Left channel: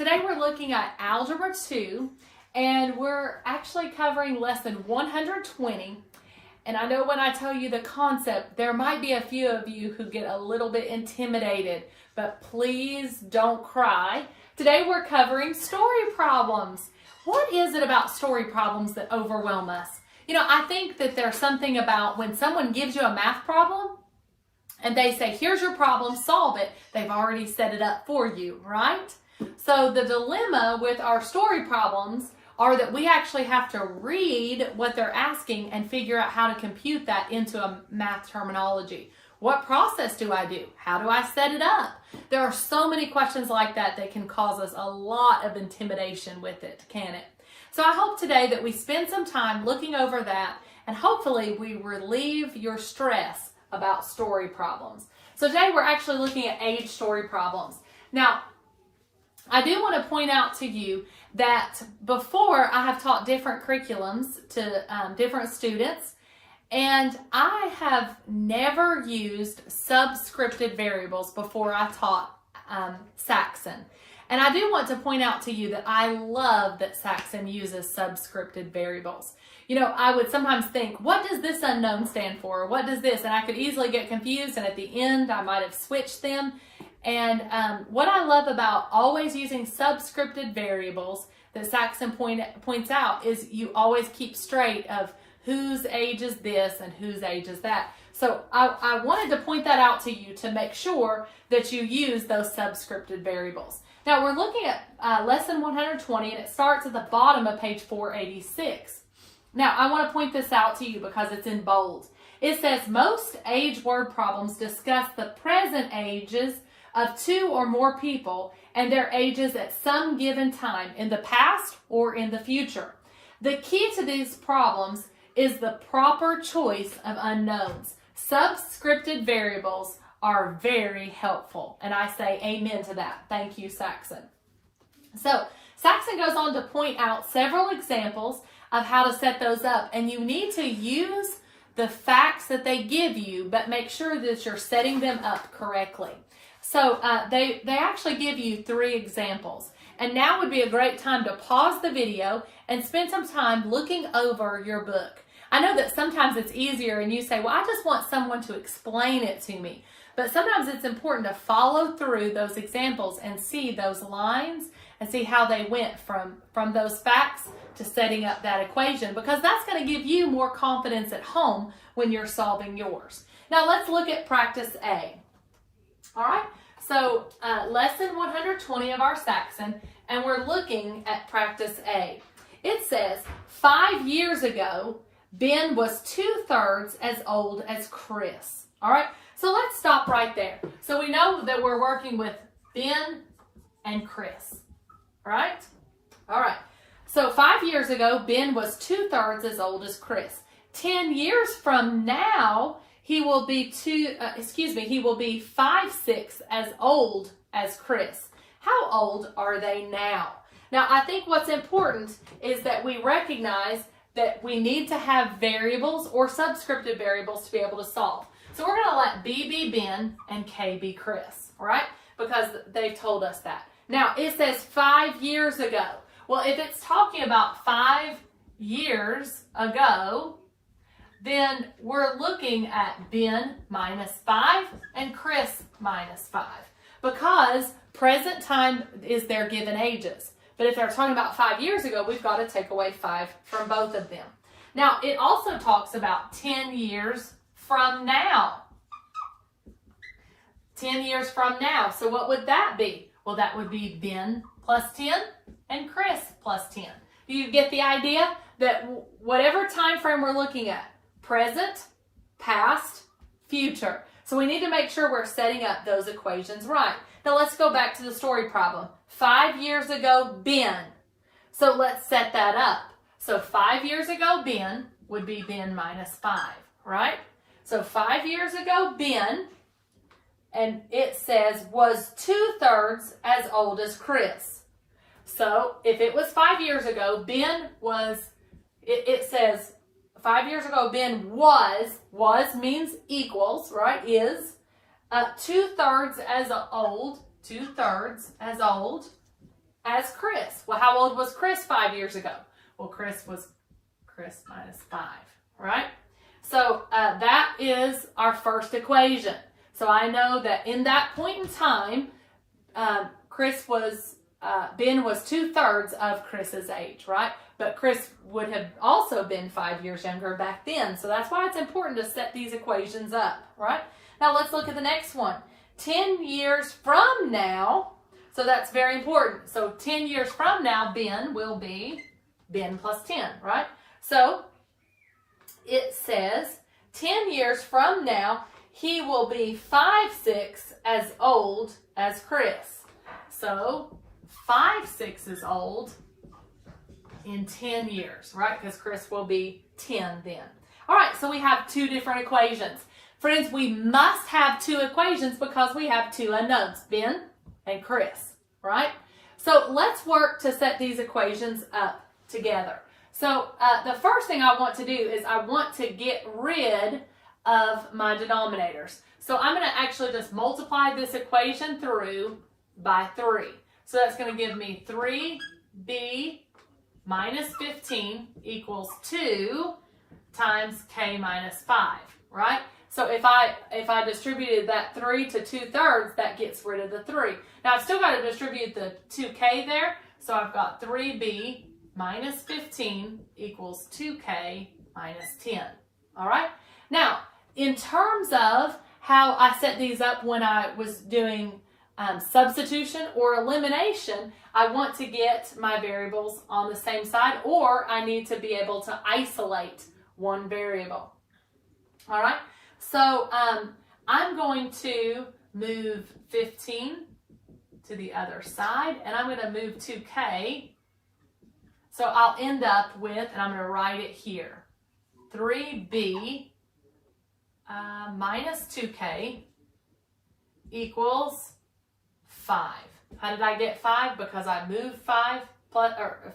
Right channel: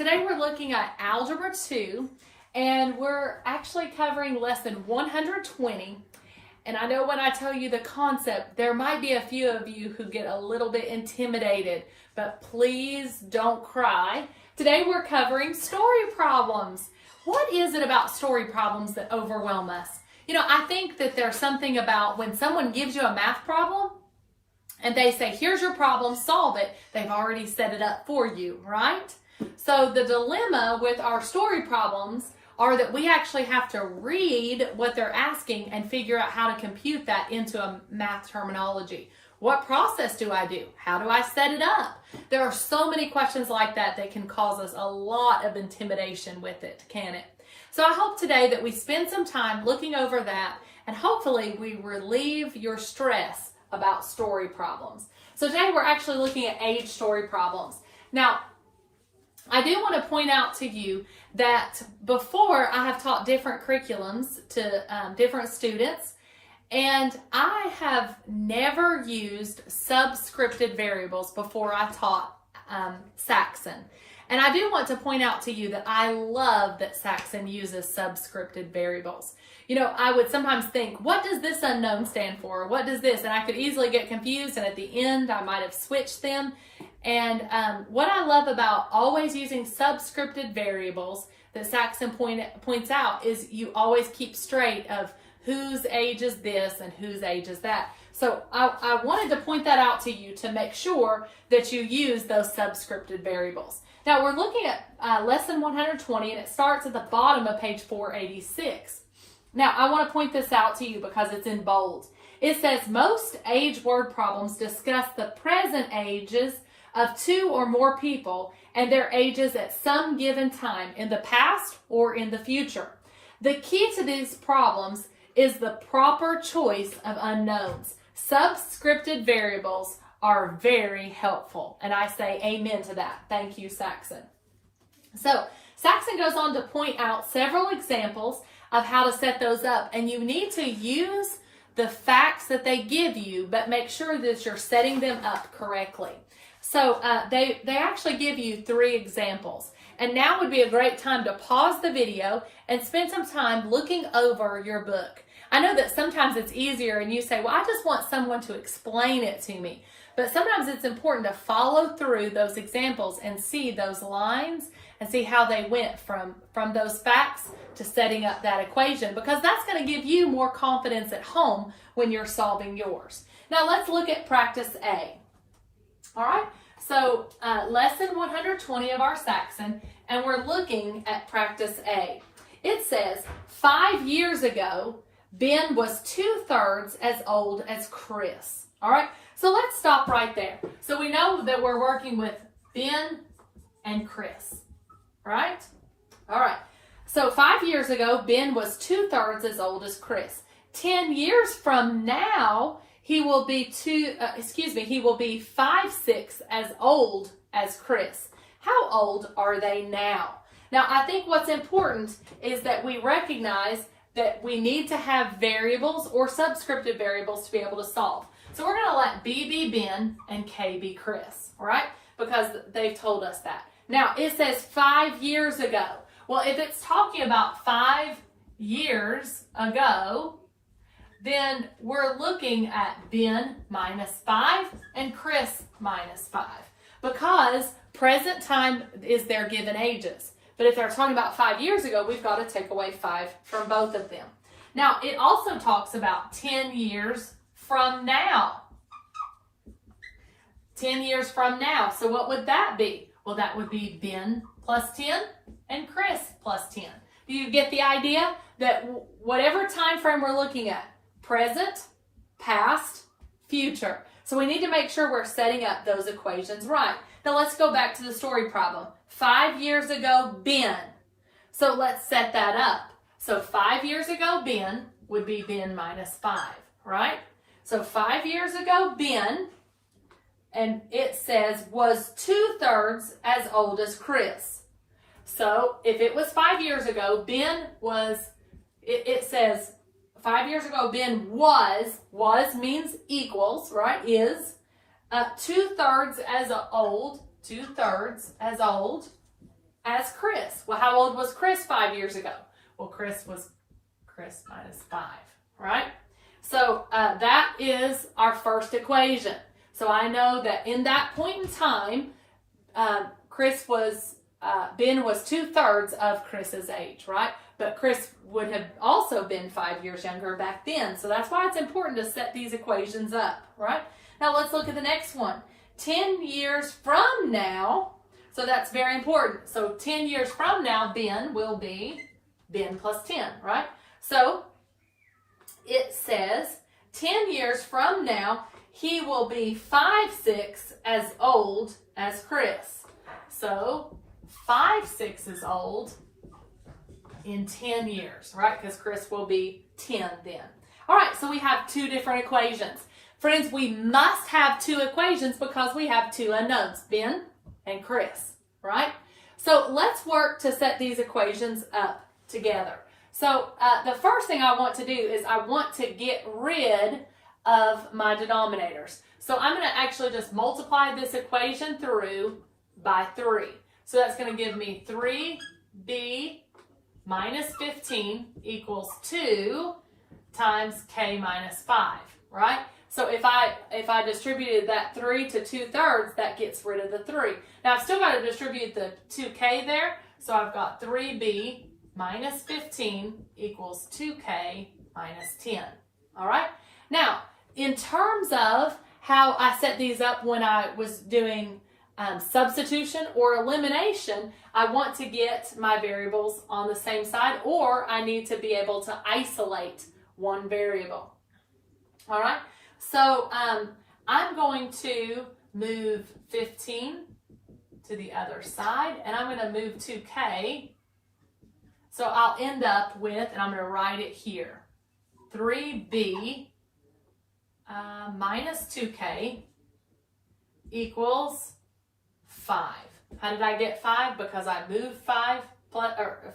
Today we're looking at Algebra 2, and we're actually covering lesson 120. And I know when I tell you the concept, there might be a few of you who get a little bit intimidated, but please don't cry. Today we're covering story problems. What is it about story problems that overwhelm us? You know, I think that there's something about when someone gives you a math problem and they say, here's your problem, solve it. They've already set it up for you, right? So the dilemma with our story problems are that we actually have to read what they're asking and figure out how to compute that into a math terminology. What process do I do? How do I set it up? There are so many questions like that that can cause us a lot of intimidation with it, can it? So I hope today that we spend some time looking over that, and hopefully we relieve your stress about story problems. So today we're actually looking at age story problems. Now, I do want to point out to you that before I have taught different curriculums to different students, and I have never used subscripted variables before I taught Saxon. And I do want to point out to you that I love that Saxon uses subscripted variables. You know, I would sometimes think, what does this unknown stand for? What does this? And I could easily get confused, and at the end I might have switched them. And what I love about always using subscripted variables that Saxon points out is you always keep straight of whose age is this and whose age is that. So I wanted to point that out to you to make sure that you use those subscripted variables. Now we're looking at lesson 120, and it starts at the bottom of page 486. Now I want to point this out to you because it's in bold. It says most age word problems discuss the present ages of two or more people and their ages at some given time in the past or in the future. The key to these problems is the proper choice of unknowns. Subscripted variables are very helpful, and I say amen to that. Thank you, Saxon. So Saxon goes on to point out several examples of how to set those up, and you need to use the facts that they give you, but make sure that you're setting them up correctly. So they actually give you 3 examples, and now would be a great time to pause the video and spend some time looking over your book. I know that sometimes it's easier and you say, well, I just want someone to explain it to me. But sometimes it's important to follow through those examples and see those lines and see how they went from those facts to setting up that equation, because that's going to give you more confidence at home when you're solving yours. Now let's look at practice A. All right, so lesson 120 of our Saxon, and we're looking at practice A. It says, 5 years ago, Ben was 2/3 as old as Chris. All right, so let's stop right there. So we know that we're working with Ben and Chris, right? All right, so 5 years ago, Ben was 2/3 as old as Chris. 10 years from now, he will be 5/6 as old as Chris. How old are they now? Now, I think what's important is that we recognize that we need to have variables or subscripted variables to be able to solve. So we're going to let B be Ben and K be Chris, right? Because they've told us that. Now, it says 5 years ago. Well, if it's talking about 5 years ago, then we're looking at Ben minus 5 and Chris minus 5, because present time is their given ages. But if they're talking about 5 years ago, we've got to take away 5 from both of them. Now, it also talks about 10 years from now. 10 years from now. So what would that be? Well, that would be Ben plus 10 and Chris plus 10. Do you get the idea that whatever time frame we're looking at, present, past, future. So we need to make sure we're setting up those equations right. Now let's go back to the story problem. 5 years ago, Ben. So let's set that up. So 5 years ago, Ben would be Ben minus 5, right? So 5 years ago, Ben, and it says was 2/3 as old as Chris. So if it was 5 years ago, Ben was, it says 5 years ago, Ben was means equals, right, is 2/3 as old, 2/3 as old as Chris. Well, how old was Chris 5 years ago? Well, Chris minus 5, right? So that is our first equation. So I know that in that point in time, Ben was 2/3 of Chris's age, right? But Chris would have also been 5 years younger back then. So that's why it's important to set these equations up, right? Now let's look at the next one. 10 years from now, so that's very important. So 10 years from now, Ben will be Ben plus 10, right? So it says 10 years from now, he will be 5/6 as old as Chris. So 5/6 is old in 10 years, right? Because Chris will be 10 then. All right, so we have two different equations. Friends, we must have two equations because we have two unknowns, Ben and Chris, right? So let's work to set these equations up together. So the first thing I want to do is I want to get rid of my denominators. So I'm going to actually just multiply this equation through by 3. So that's going to give me 3b minus 15 equals 2 times k minus 5, right? So if I distributed that 3 to 2/3, that gets rid of the 3. Now I've still got to distribute the 2k there, so I've got 3b minus 15 equals 2k minus 10. All right? Now, in terms of how I set these up when I was doing substitution or elimination, I want to get my variables on the same side, or I need to be able to isolate one variable. All right? So I'm going to move 15 to the other side, and I'm going to move 2k. So I'll end up with, and I'm going to write it here, 3b minus 2k equals 5. How did I get 5? Because I moved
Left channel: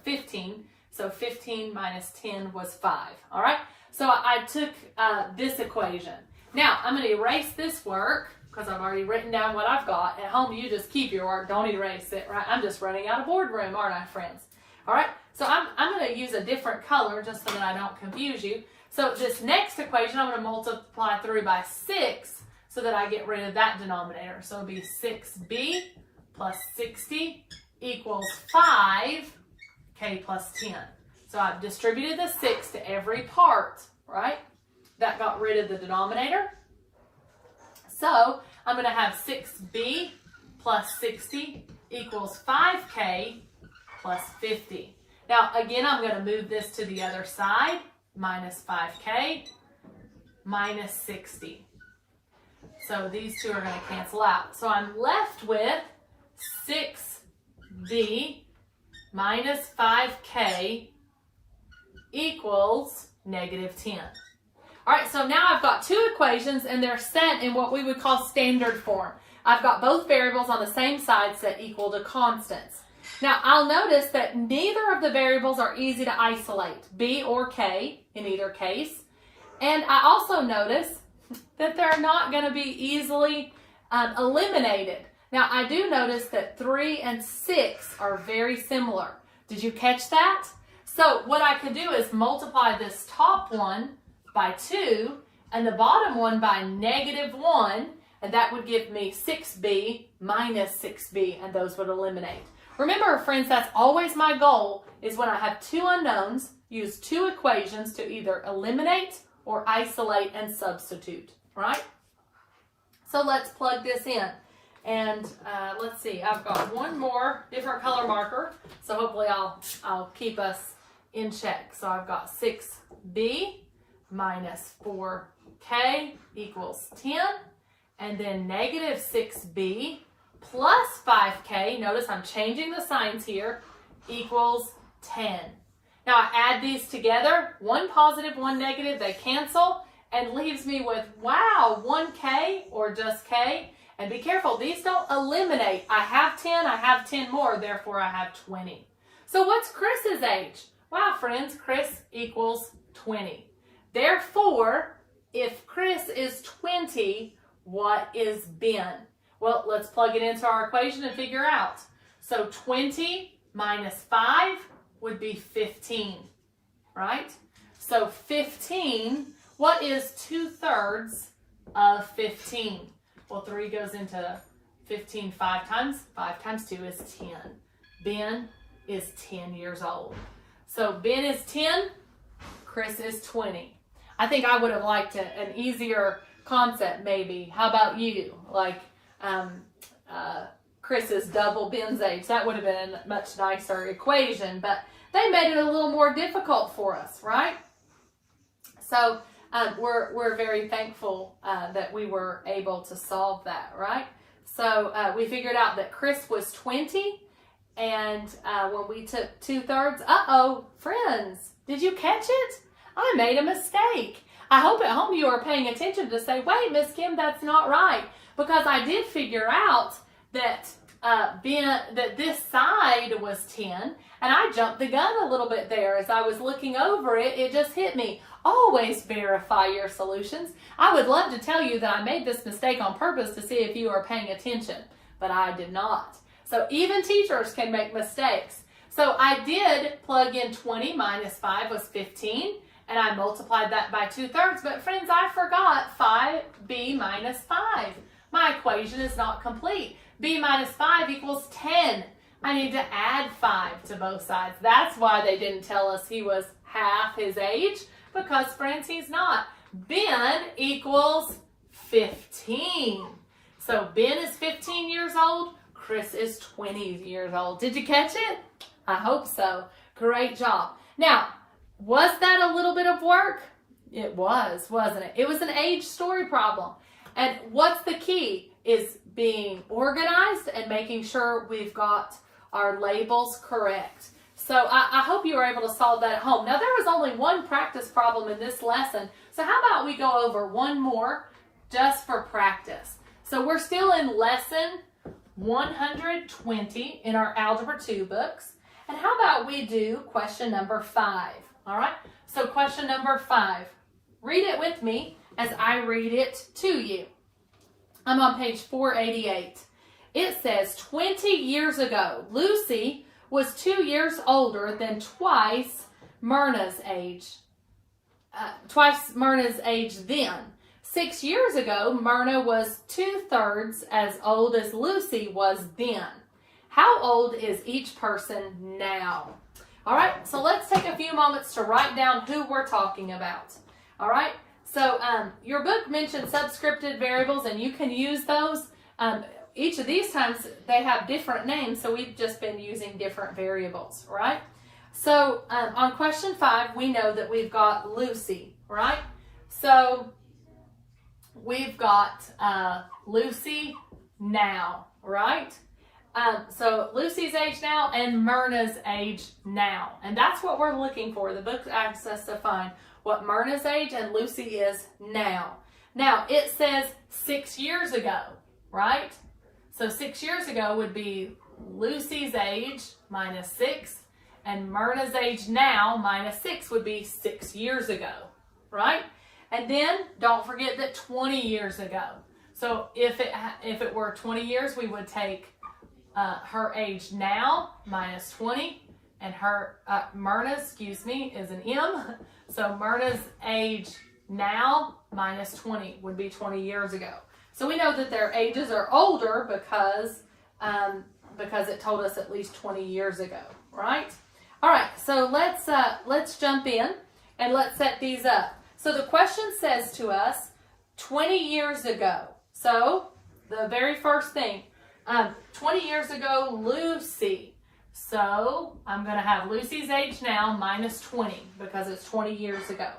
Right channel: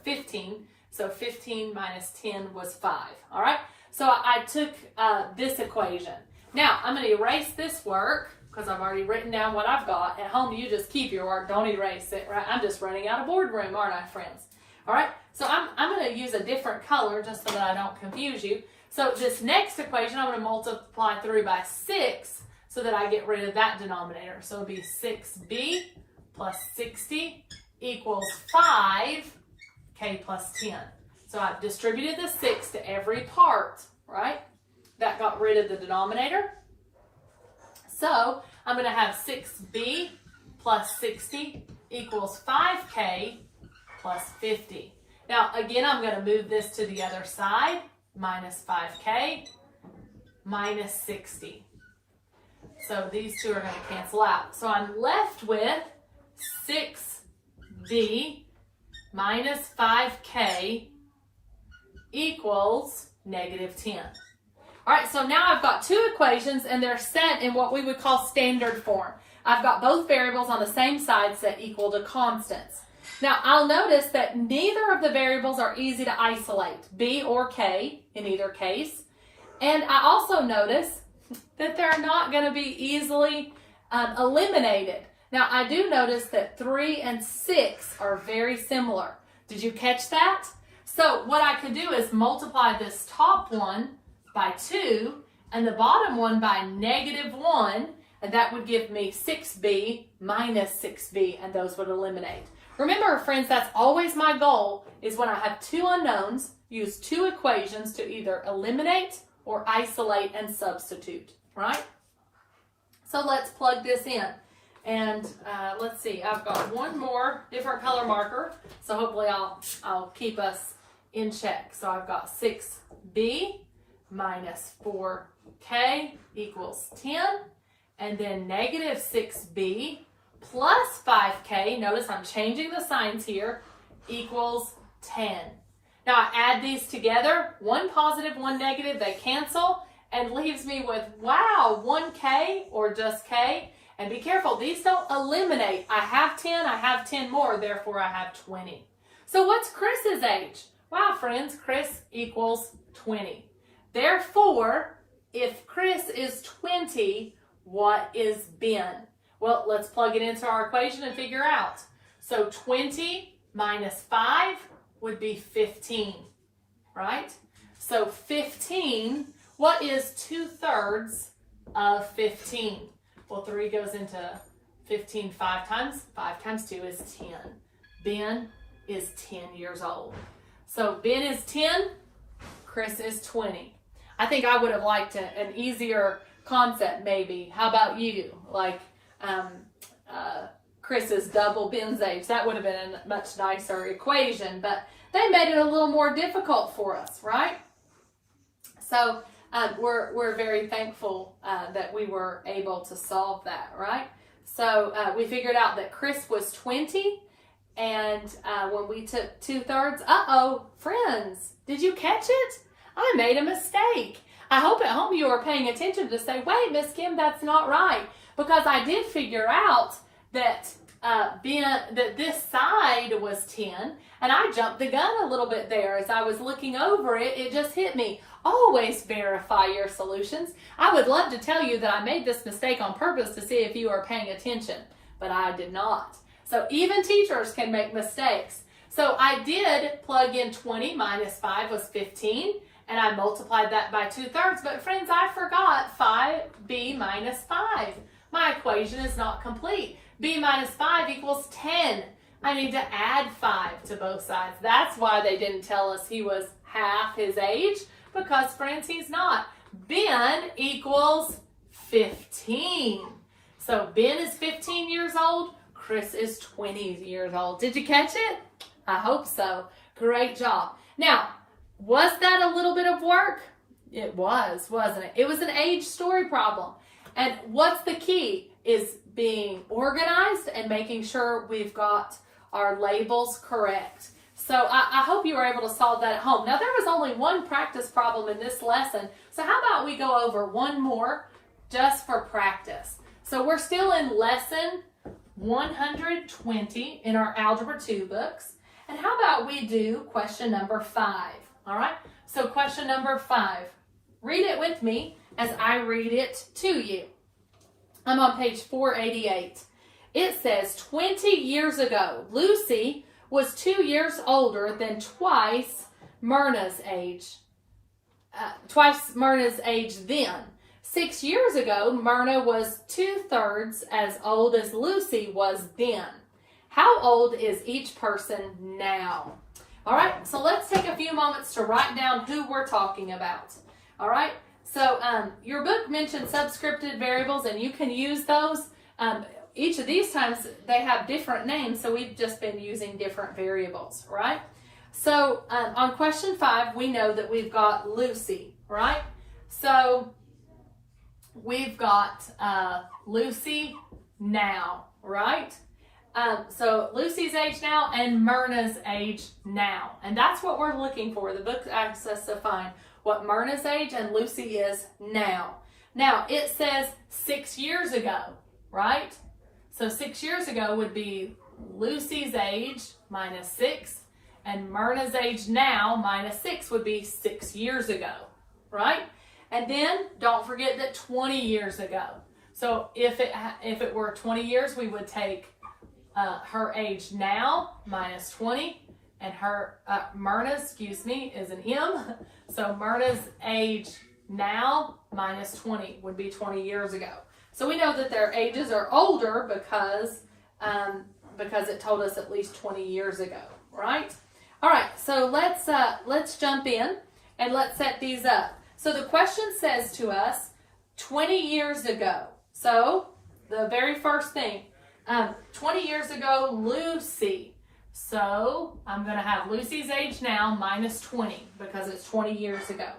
15. So 15 minus 10 was 5. All right? So I took this equation. Now, I'm going to erase this work because I've already written down what I've got. At home, you just keep your work. Don't erase it, right? I'm just running out of boardroom, aren't I, friends? All right? So I'm going to use a different color just so that I don't confuse you. So this next equation, I'm going to multiply through by 6 so that I get rid of that denominator. So it'll be 6b plus 60 equals 5k plus 10. So I've distributed the 6 to every part, right? That got rid of the denominator. So I'm going to have 6b plus 60 equals 5k plus 50. Now, again, I'm going to move this to the other side. Minus 5k minus 60. So these two are going to cancel out. So I'm left with 6b minus 5k equals negative 10. All right, so now I've got two equations and they're set in what we would call standard form. I've got both variables on the same side set equal to constants. Now, I'll notice that neither of the variables are easy to isolate, b or k in either case. And I also notice that they're not going to be easily eliminated. Now, I do notice that 3 and 6 are very similar. Did you catch that? So what I could do is multiply this top one by 2 and the bottom one by negative 1, and that would give me 6b minus 6b, and those would eliminate. Remember, friends, that's always my goal, is when I have two unknowns, use two equations to either eliminate or isolate and substitute, right? So let's plug this in. And let's see, I've got one more different color marker, so hopefully I'll keep us in check. So I've got 6b minus 4k equals 10, and then negative 6b plus 5k, notice I'm changing the signs here, equals 10. Now I add these together, one positive, one negative, they cancel, and leaves me with, wow, 1k or just k. And be careful, these don't eliminate. I have 10 more, therefore I have 20. So what's Chris's age? Wow, friends, Chris equals 20. Therefore, if Chris is 20, what is Ben? Well, let's plug it into our equation and figure out. So 20 minus 5 would be 15, right? So 15, what is 2/3 of 15? Well, 3 goes into 15 5 times. 5 times 2 is 10. Ben is 10 years old. So Ben is 10, Chris is 20. I think I would have liked an easier concept maybe. How about you? Like Chris is double Ben's age. That would have been a much nicer equation, but they made it a little more difficult for us, right? So we're very thankful that we were able to solve that, right? So we figured out that Chris was 20, and when we took 2/3, friends, did you catch it? I made a mistake. I hope at home you are paying attention to say, wait, Miss Kim, that's not right. Because I did figure out that that this side was 10, and I jumped the gun a little bit there. As I was looking over it, it just hit me. Always verify your solutions. I would love to tell you that I made this mistake on purpose to see if you are paying attention, but I did not. So even teachers can make mistakes. So I did plug in 20 minus 5 was 15, and I multiplied that by 2/3. But friends, I forgot 5b minus 5. My equation is not complete. b minus 5 equals 10. I need to add 5 to both sides. That's why they didn't tell us he was half his age, because friends, he's not. Ben equals 15. So Ben is 15 years old. Chris is 20 years old. Did you catch it? I hope so. Great job. Now, was that a little bit of work? It was, wasn't it? It was an age story problem. And what's the key is being organized and making sure we've got our labels correct. So I hope you were able to solve that at home. Now, there was only one practice problem in this lesson. So how about we go over one more just for practice? So we're still in lesson 120 in our Algebra 2 books. And how about we do question number 5? All right, so question number 5. Read it with me as I read it to you. I'm on page 488. It says, 20 years ago, Lucy was 2 years older than twice Myrna's age then. 6 years ago, Myrna was 2/3 as old as Lucy was then. How old is each person now? All right, so let's take a few moments to write down who we're talking about. All right, so your book mentioned subscripted variables, and you can use those. Each of these times they have different names, so we've just been using different variables, right? So on question 5, we know that we've got Lucy, right? So we've got Lucy now, right? So Lucy's age now and Myrna's age now. And that's what we're looking for. The book asks us to find what Myrna's age and Lucy is now. Now, it says 6 years ago, right? So 6 years ago would be Lucy's age minus 6, and Myrna's age now minus 6 would be 6 years ago, right? And then don't forget that 20 years ago. So if it were 20 years, we would take her age now minus 20, and her Myrna's, is an M. So Myrna's age now minus 20 would be 20 years ago. So we know that their ages are older because it told us at least 20 years ago, right? All right, so let's jump in and let's set these up. So the question says to us 20 years ago. So the very first thing, 20 years ago, Lucy. So I'm going to have Lucy's age now minus 20 because it's 20 years ago.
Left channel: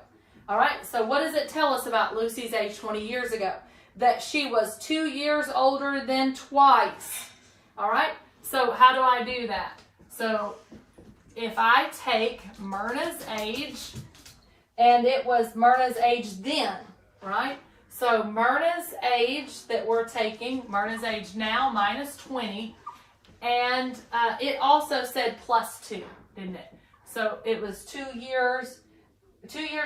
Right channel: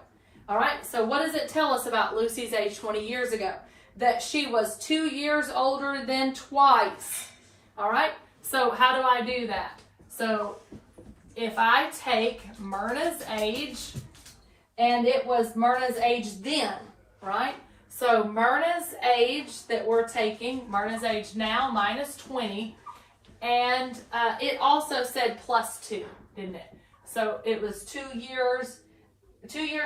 All right, so what does it tell us about Lucy's age 20 years ago? That she was 2 years older than twice. All right, so how do I do that? So if I take Myrna's age, and it was Myrna's age then, right? So Myrna's age that we're taking, Myrna's age now minus 20, and it also said plus 2, didn't it? So it was 2 years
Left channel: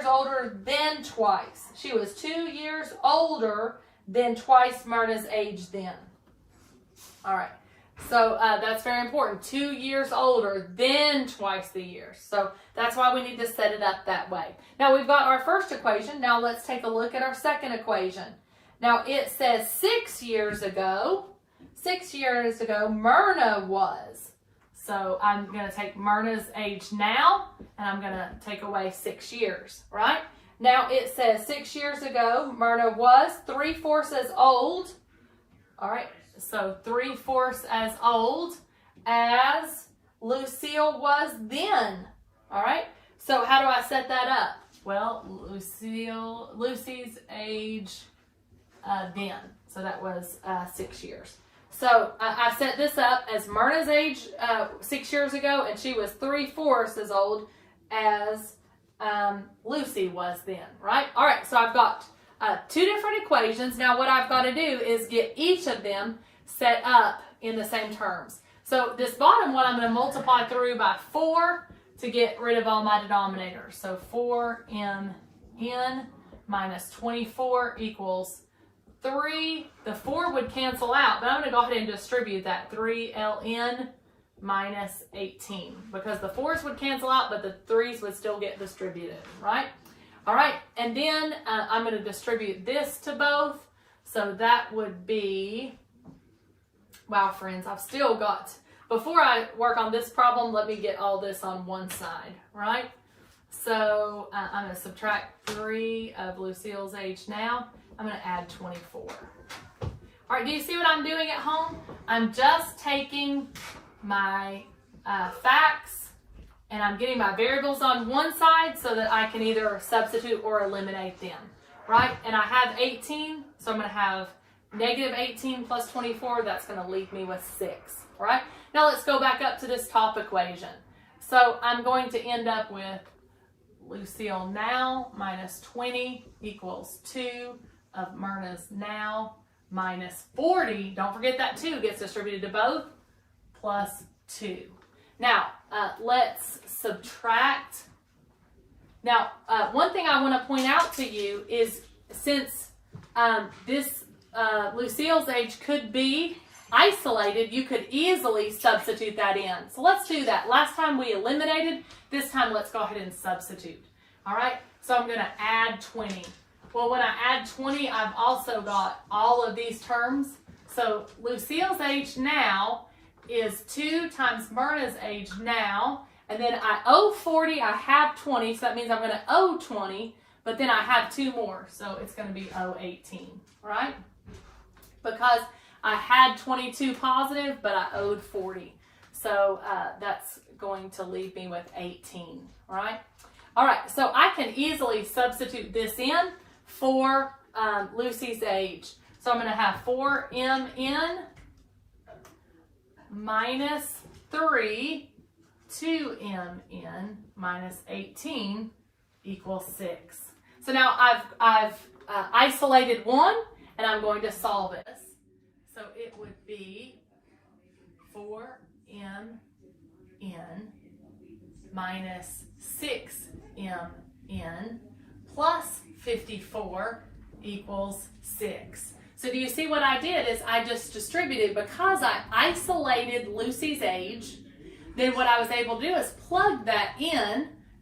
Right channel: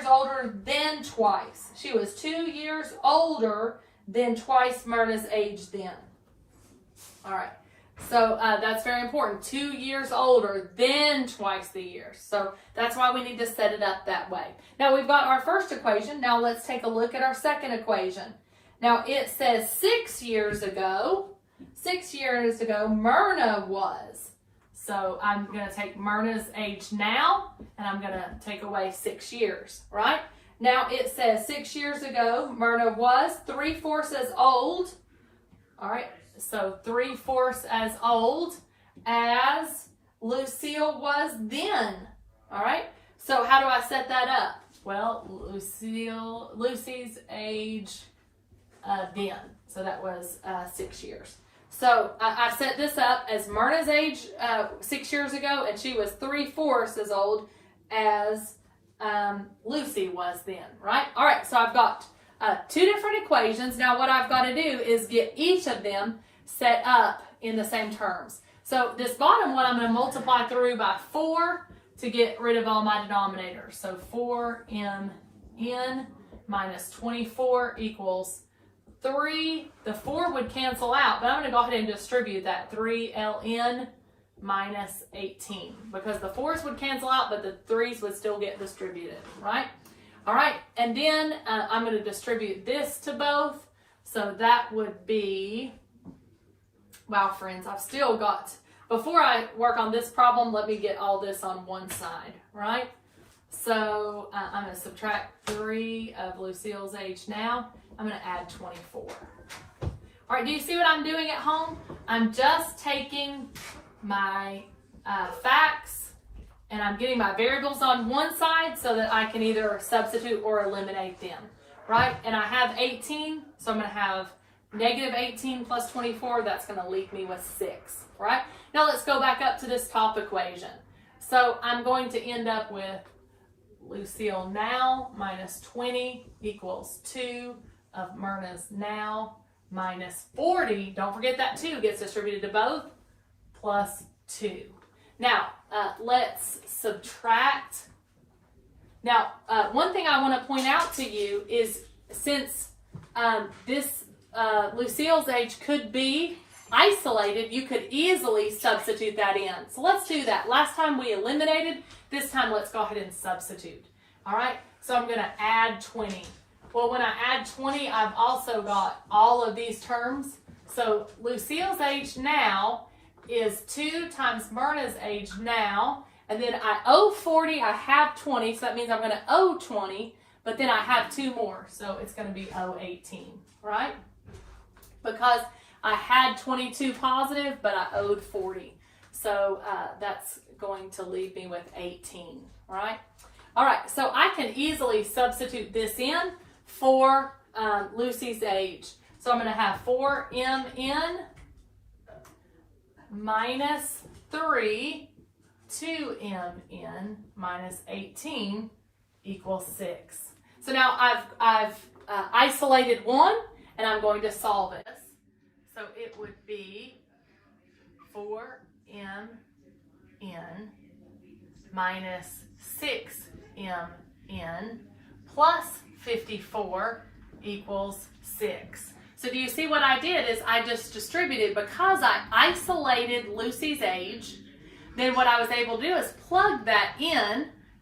older than twice. She was 2 years older than twice Myrna's age then. All right. So that's very important. 2 years older, then twice the year. So that's why we need to set it up that way. Now we've got our first equation. Now let's take a look at our second equation. Now it says 6 years ago, Myrna was. So I'm going to take Myrna's age now, and I'm going to take away 6 years, right? Now it says 6 years ago, Myrna was 3/4 as old. All right, so 3/4 as old as Lucille was then. All right, so how do I set that up? Well, Lucy's age then. So that was 6 years. So I set this up as Myrna's age 6 years ago, and she was 3/4 as old as Lucy was then, right? All right, so I've got 2 different equations. Now what I've got to do is get each of them set up in the same terms. So this bottom one I'm going to multiply through by 4 to get rid of all my denominators. So 4mn minus 24 equals 3. The 4 would cancel out, but I'm going to go ahead and distribute that. 3ln minus 18, because the 4's would cancel out, but the 3's would still get distributed, right? All right, and then I'm going to distribute this to both. So that would be, wow, friends, I've still got, before I work on this problem, let me get all this on one side, right? So I'm going to subtract 3 of Lucille's age now. I'm going to add 24. All right, do you see what I'm doing at home? I'm just taking my facts and I'm getting my variables on one side so that I can either substitute or eliminate them, right? And I have 18, so I'm going to have negative 18 plus 24. That's going to leave me with 6, right? Now let's go back up to this top equation. So I'm going to end up with Lucille now minus 20 equals 2 of Myrna's now minus 40. Don't forget that 2 gets distributed to both, plus 2. Now, let's subtract. Now, one thing I want to point out to you is since this Lucille's age could be isolated, you could easily substitute that in. So let's do that. Last time we eliminated, this time let's go ahead and substitute. All right, so I'm going to add 20. Well, when I add 20, I've also got all of these terms. So Lucille's age now is 2 times Myrna's age now, and then I owe 40, I have 20, so that means I'm going to owe 20, but then I have 2 more, so it's going to be owe 18, right? Because I had 22 positive, but I owed 40, so that's going to leave me with 18, right? All right, so I can easily substitute this in for Lucy's age. So I'm going to have 4mn minus 3, 2mn minus 18 equals 6. So now I've isolated one, and I'm going to solve this. So it would be 4mn minus 6mn plus 54 equals 6. So do you see what I did is I just distributed, because I isolated Lucy's age, then what I was able to do is plug that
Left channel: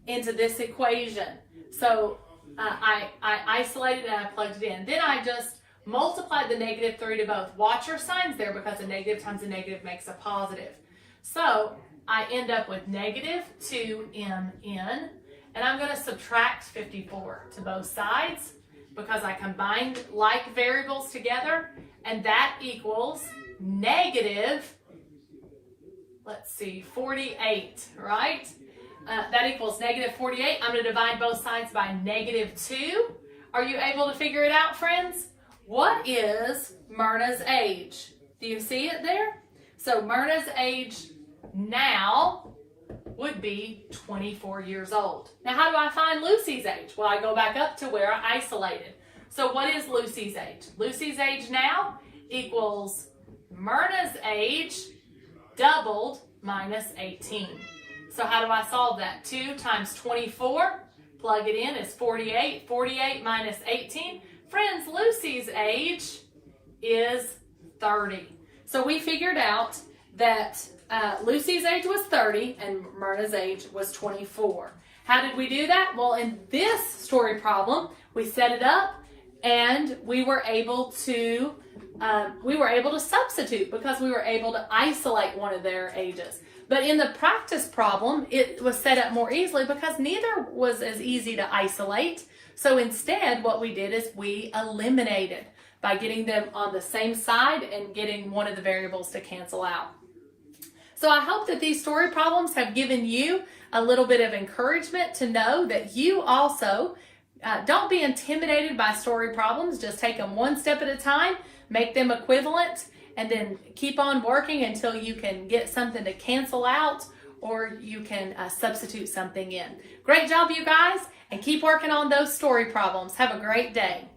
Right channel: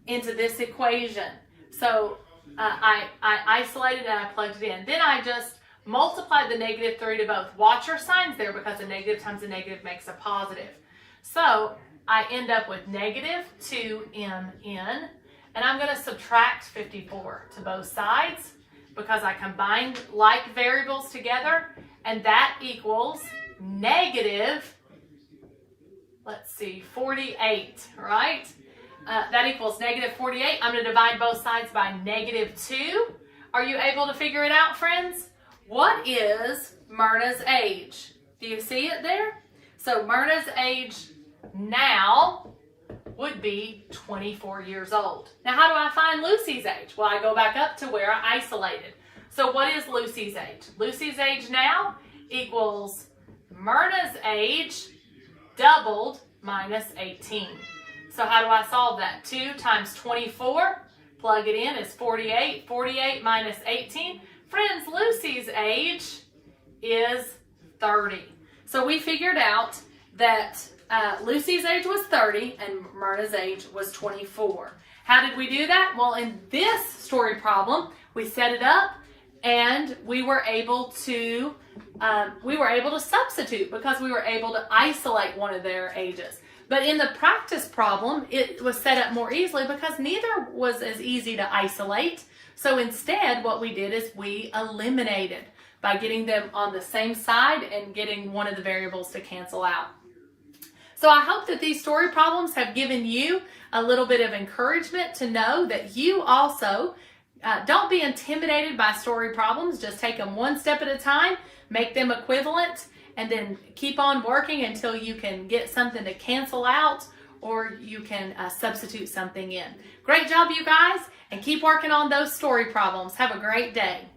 into this equation. So I isolated and I plugged it in. Then I just multiplied the negative 3 to both. Watch your signs there, because a negative times a negative makes a positive. So I end up with negative 2mn, and I'm going to subtract 54 to both sides, because I combined like variables together, and that equals negative, let's see, 48, right? That equals negative 48. I'm going to divide both sides by negative 2. Are you able to figure it out, friends? What is Myrna's age? Do you see it there? So Myrna's age now would be 24 years old. Now, how do I find Lucy's age? Well, I go back up to where I isolated. So what is Lucy's age? Lucy's age now equals Myrna's age doubled minus 18. So how do I solve that? 2 times 24, plug it in, is 48. 48 minus 18. Friends, Lucy's age is 30. So we figured out that Lucy's age was 30 and Myrna's age was 24. How did we do that? Well, in this story problem, we set it up and we were able to substitute because we were able to isolate one of their ages. But in the practice problem, it was set up more easily because neither was as easy to isolate. So instead, what we did is we eliminated by getting them on the same side and getting one of the variables to cancel out. So I hope that these story problems have given you a little bit of encouragement to know that you also don't be intimidated by story problems. Just take them one step at a time, make them equivalent, and then keep on working until you can get something to cancel out or you can substitute something in. Great job, you guys, and keep working on those story problems. Have a great day.